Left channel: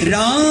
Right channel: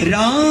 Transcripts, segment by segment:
Malow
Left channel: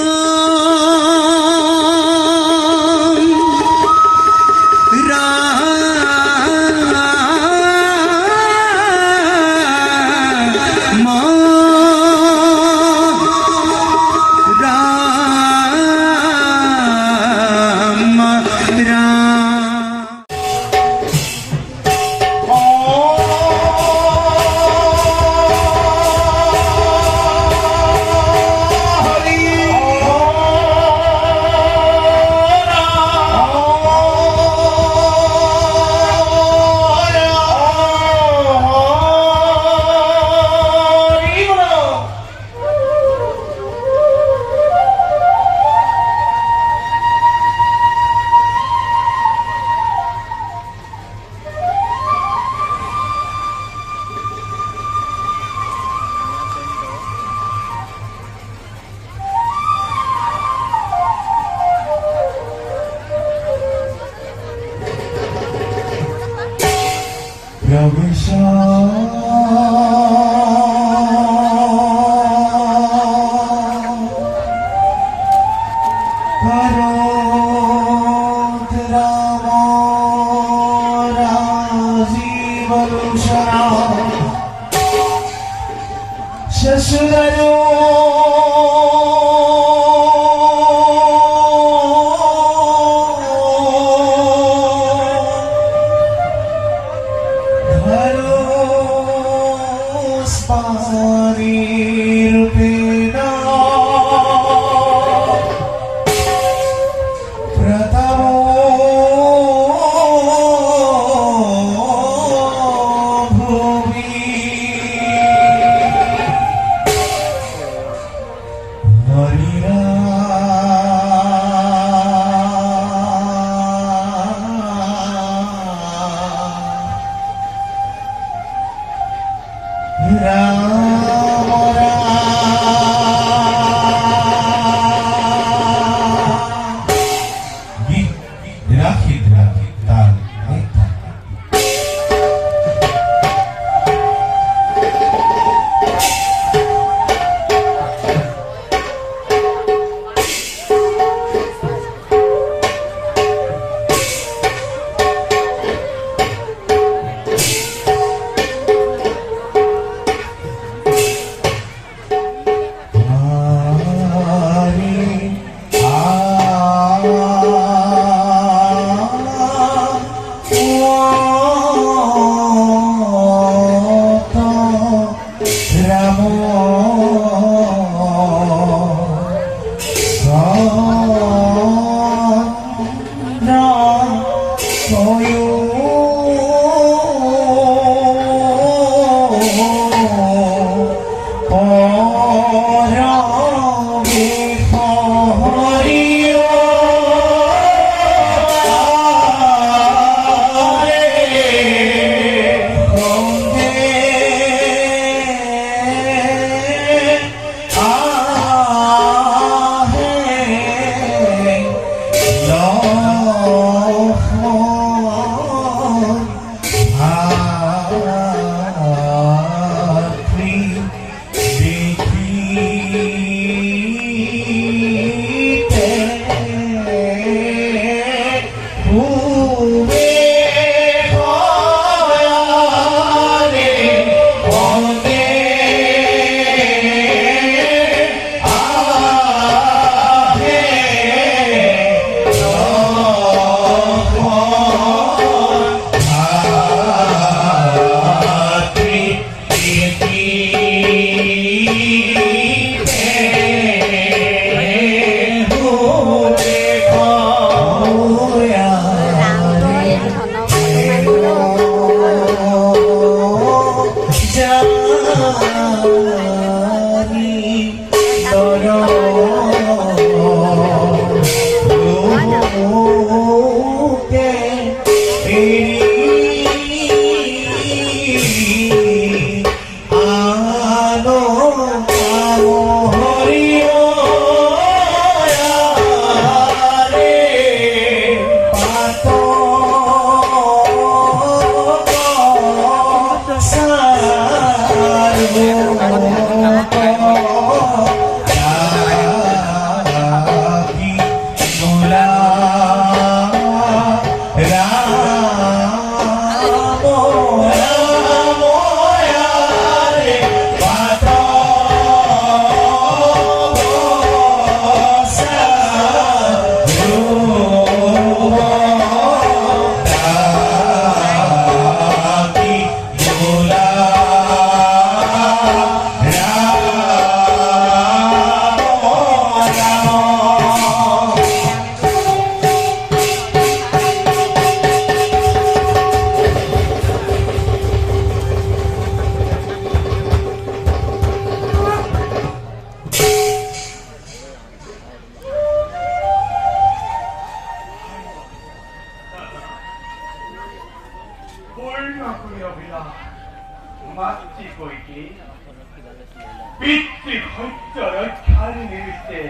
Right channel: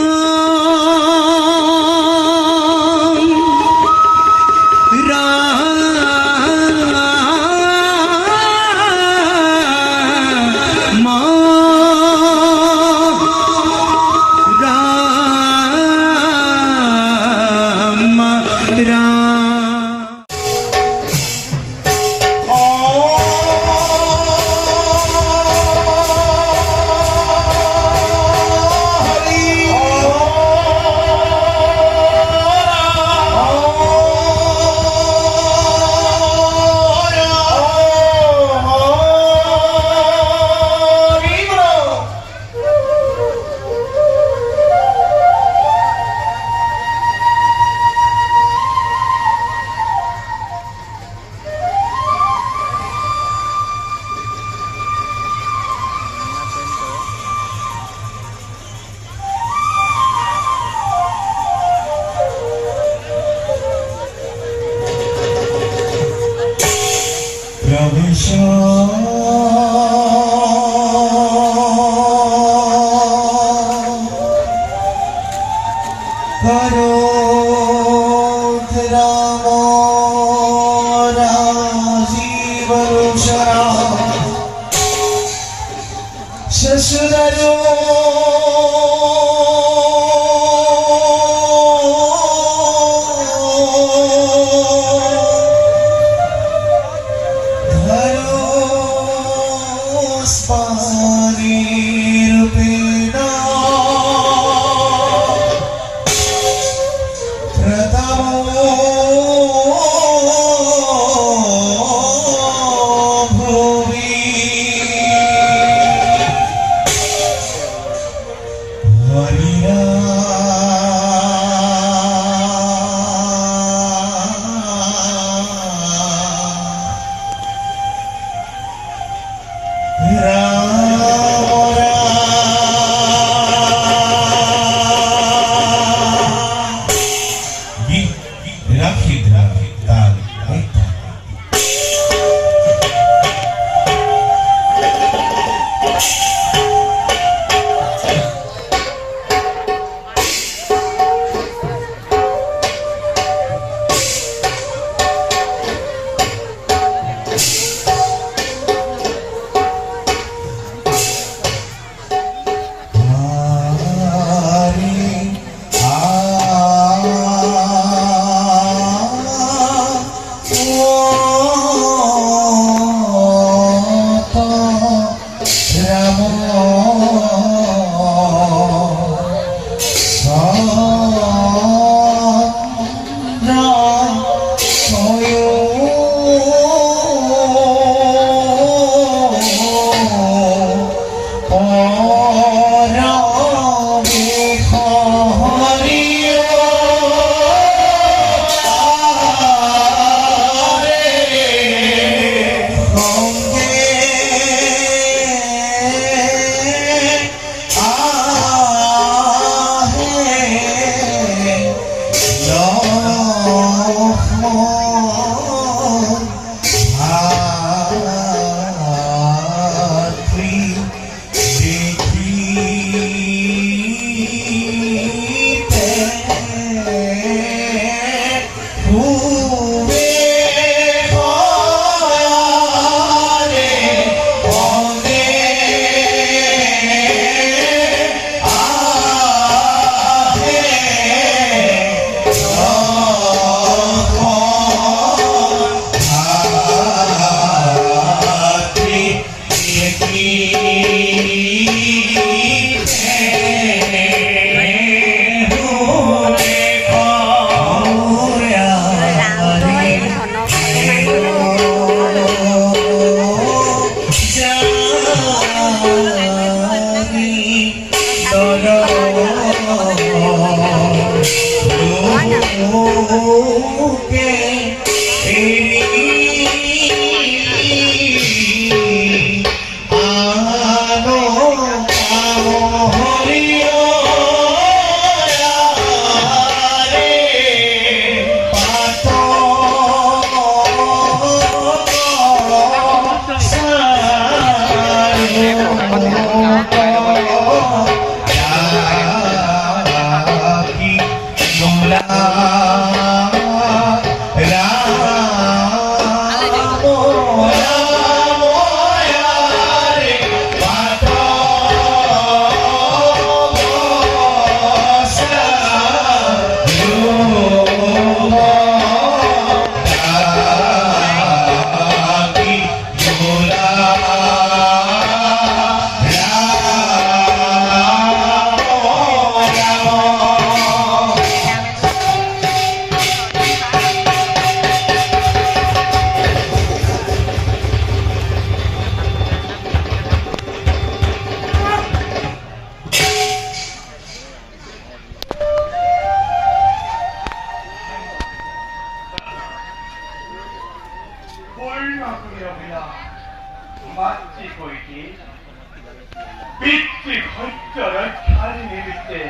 পিতৃ ঘট্ট রক্ষারি নিমিত্তে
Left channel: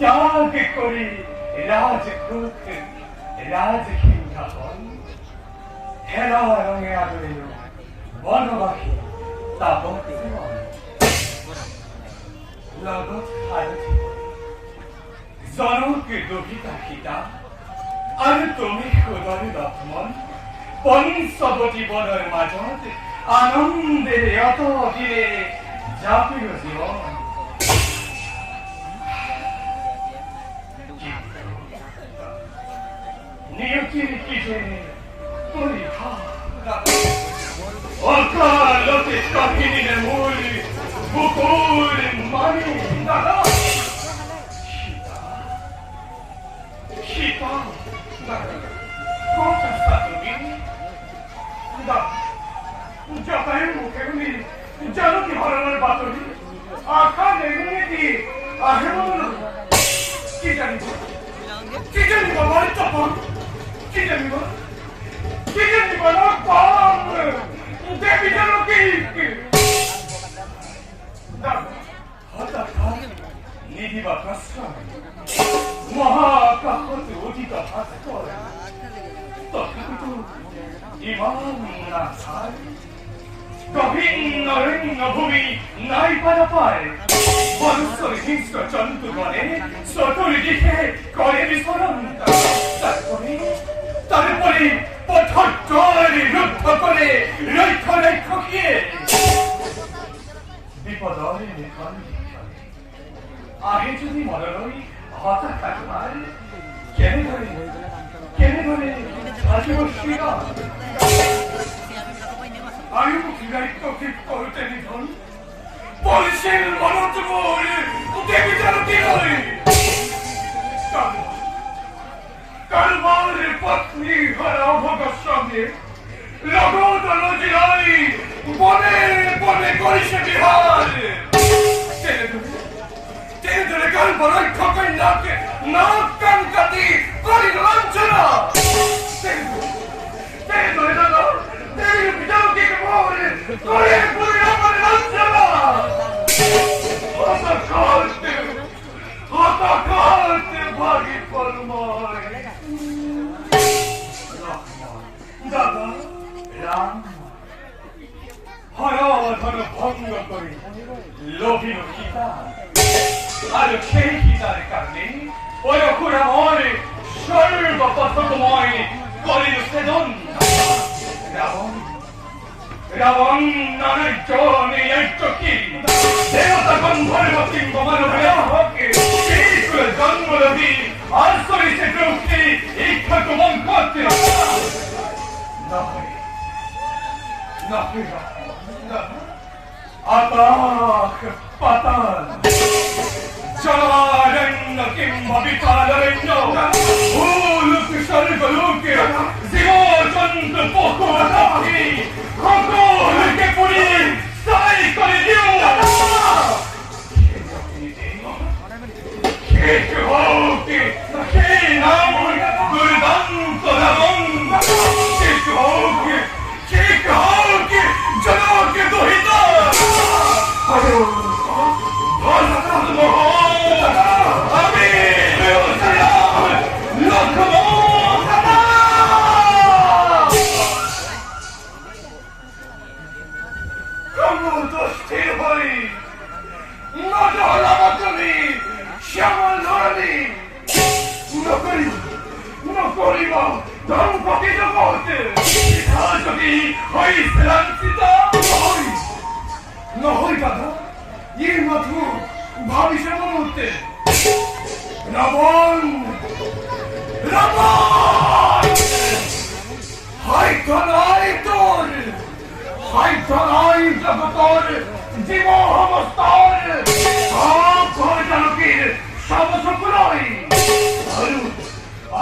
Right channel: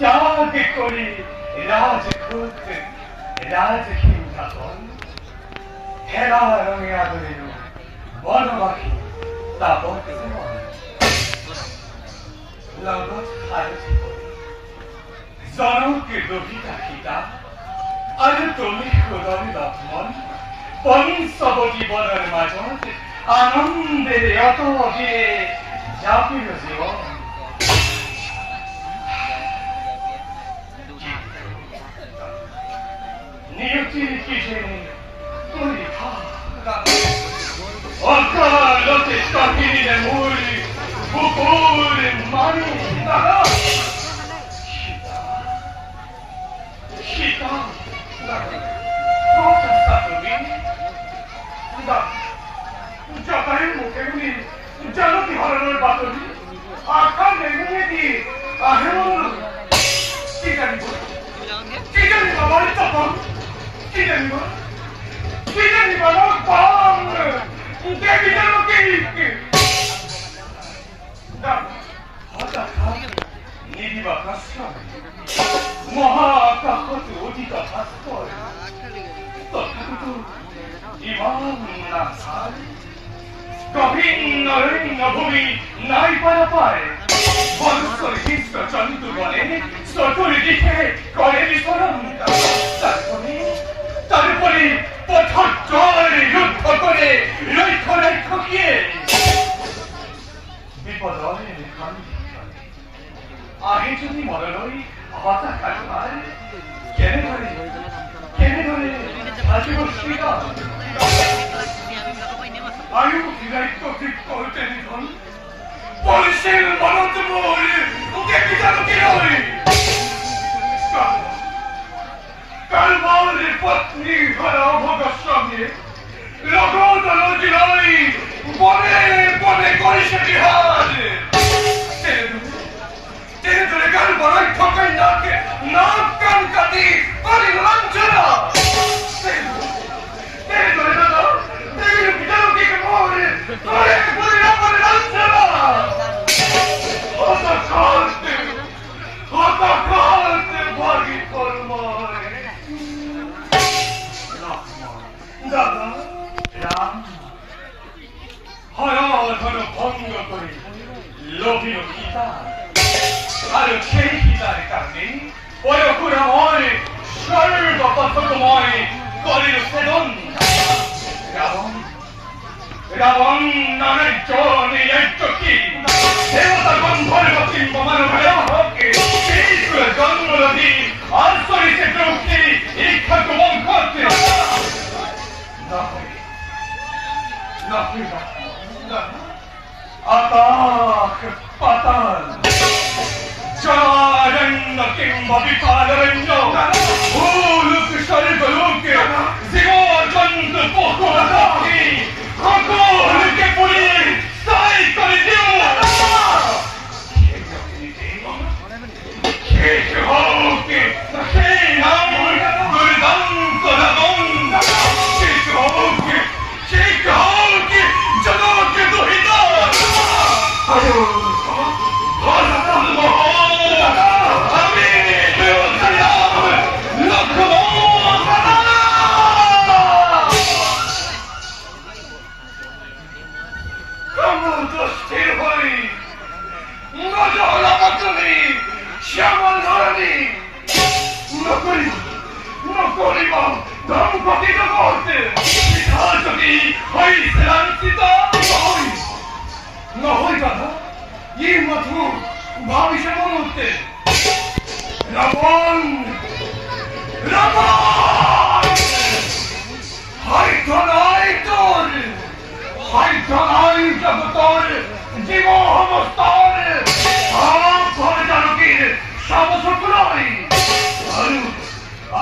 যাগে করি রাজপুত রাজহিংসাকন হেলা রঙে আদরের বনবাসী তাপক জীবন লগত হারথি করে জনকে দহিতা খিতা আর তুমি খুদরে লক্ষ্মণ পঞ্চবতী বনের মাজত আনন্দে অত দিনে যাপিল জীবন নিয়তির কি জেনে পরীক্ষা অকালতে কাহিনীর মূল কুকুর মানি দাদা সীতা কথা তুমি জটায়ু মুখে তুমি জানতি হরণের বাতরি আখা বেগুনিয়ে দিয়ে আহেমন কি জানিব আমার তপন কি জানিব না পাম দেবী যেন কি হঠাৎ নিদিবা প্রশ্রয় মহাকাহত অধিক ভাস্কর তথাপি তো ইমান না ছাড় গভীর ভূমি নাই পারা পায় বনস্তর হিংস্র চন্দ্রগণে চতুর দিকে করে বিস্ফোরণ তারপরে পথর যুদ্ধ করে রৈথ খিয়ে বিপদয়ের আগে যদি মরলই হতাশা হয় কেনে ধরে হাজিব শিরা আয়ু দায়িত্ব ঠিক করতে নিধন পুলিশের মনত মোর দেবী যেন কি হয় কালবারের পত্নী ঘরা ভোগের সঙ্গে লগদল জিলাই বনে বনে করিছে বিহার টেনে ধরে কালবারের ঠকাই নাকে নাক কান কাটি করি লাঞ্ছনা টেনে ধরে দাদা দেবীর পিতার দিকে মোরে করে করে আমার লাঞ্ছনা হতাকালতে ভাগি পরমায় দাদা রাম হরধন ভঙ্গ করে লোভিল সীতা আর সেই সীতার কারণে ওই অকুরাময় সর্বপথকময় করিল সেদন রাবণ নামের জনে কি দেবতা গন্ধর্ব কিংব মানবকে জন্মলভী আর করিছে প্রভুকে ইচ্ছাক বংশতে আকাশ পাতাল জলারণ্য কিংবা বিপালরণ্য ভূলোক স্বর্গলোক জীবজন্তু পশু পাখি সকলকে পুরি সাই করে দিও শেষ হোক সেই নাম দুর্দান্ত রাবণ শেষ হোক জনকে দহিত আমি স্থির হই নজলামী শ্যামল ধরণী নকরিব ধর্মপতি জগৎ যদি হইছে লাঞ্ছিত নহই দাদা এই মাত্র ভাবিছে মনে হতে রাবণ হয়তো নয় তোর হয়তো নয় জগতর জীব অবস্থার সব জনকের সবসকুলই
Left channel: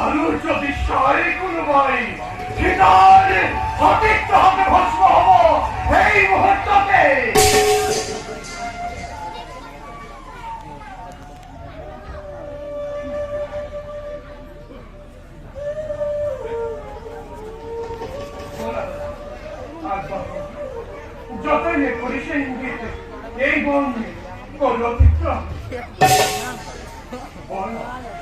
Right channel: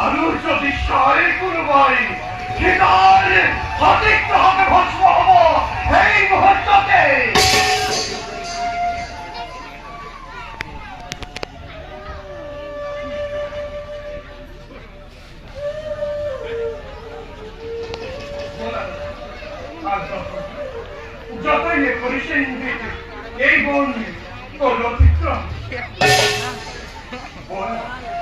আরো যদি সয় কোনবাই সীতার সতীর্থ হবে ভস্ম হব এই মুহূর্ততে যতই করিস এই বন Con lo ti tra. Buona.